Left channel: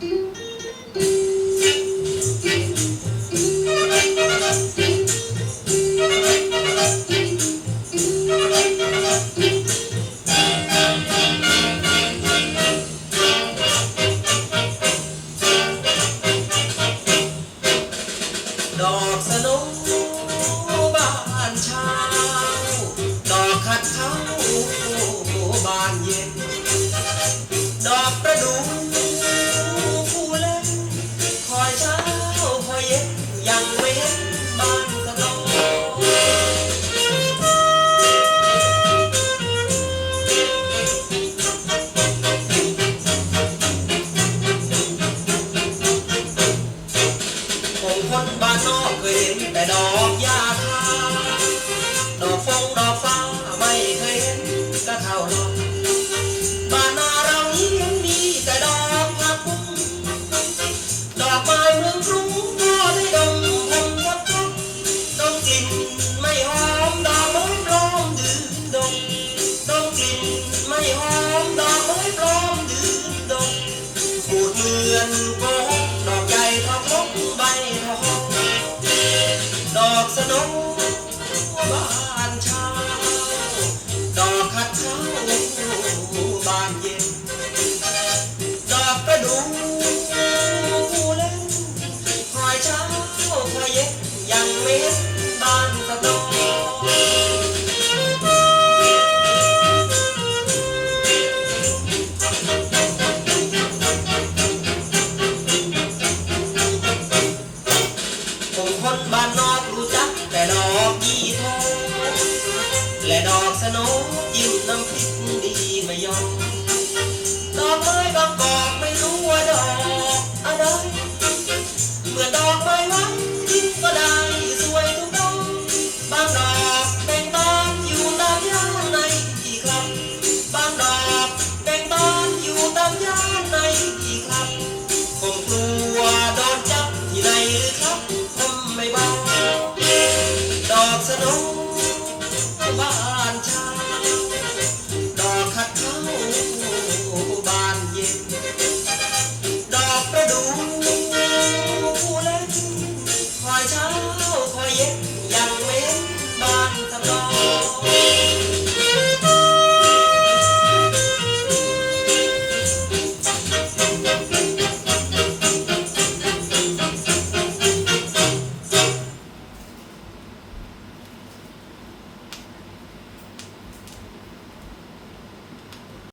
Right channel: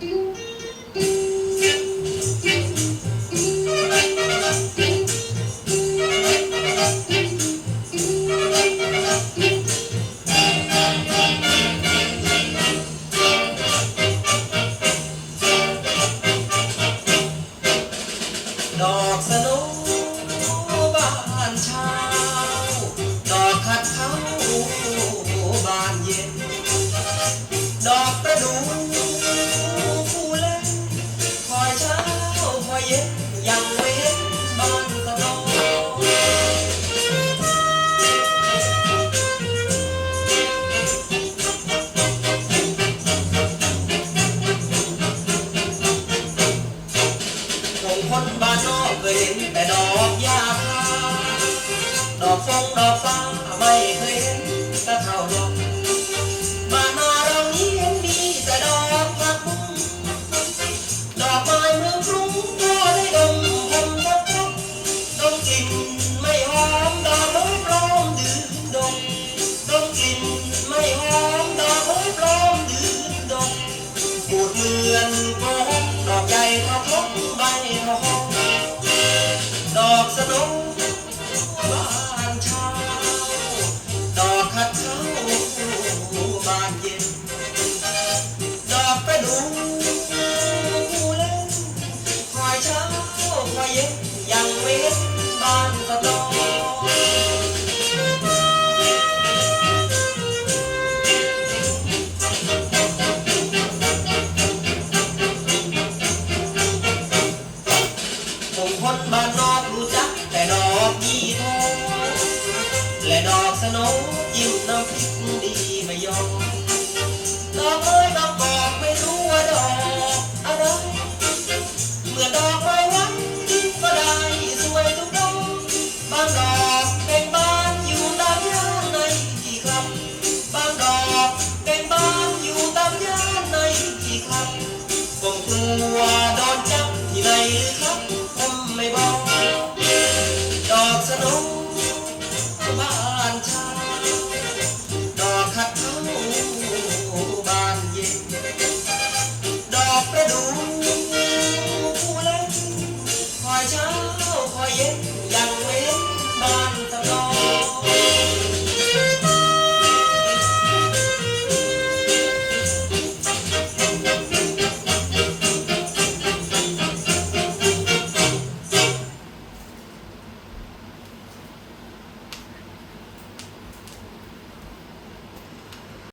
ดอกสโนบ้านเช้าดอกขัดเขา คงคนบ้านนอกเคยเห็นแต่ดอกยาคาดอกฟงดอกฟ้าไม่เคยเห็นก็เท่าดอกบ้านนาเรานี้ยังมีแต่ดอกผักบุ้งดอกไม้เมืองรุ่งก็ได้ดมพงทับทับดมกลิ่นไม่หอมดอกไม้ปลอมดื่มดมดมกลิ่นไม่หอมดอก ยังเว้นบ้านสะดอกคงคนบ้านนอกรู้จัก แต่ดอกยี่ทองและดอกสโนจิ้มน้ำพริกดีไม่ยอมดอกเอ้ยดอกกอกไม่รู้ว่าดอกอะไรเมื่อดอกไม้วัน บางดอกเป็นบานอยู่ตามย่านในที่ครับบางดาบเป็นบานอยู่ตามย่านในที่ครับ ผมกลัวโดนจับที่ไหนหรือครับผมไม่บอกดอกสโนบ้านชา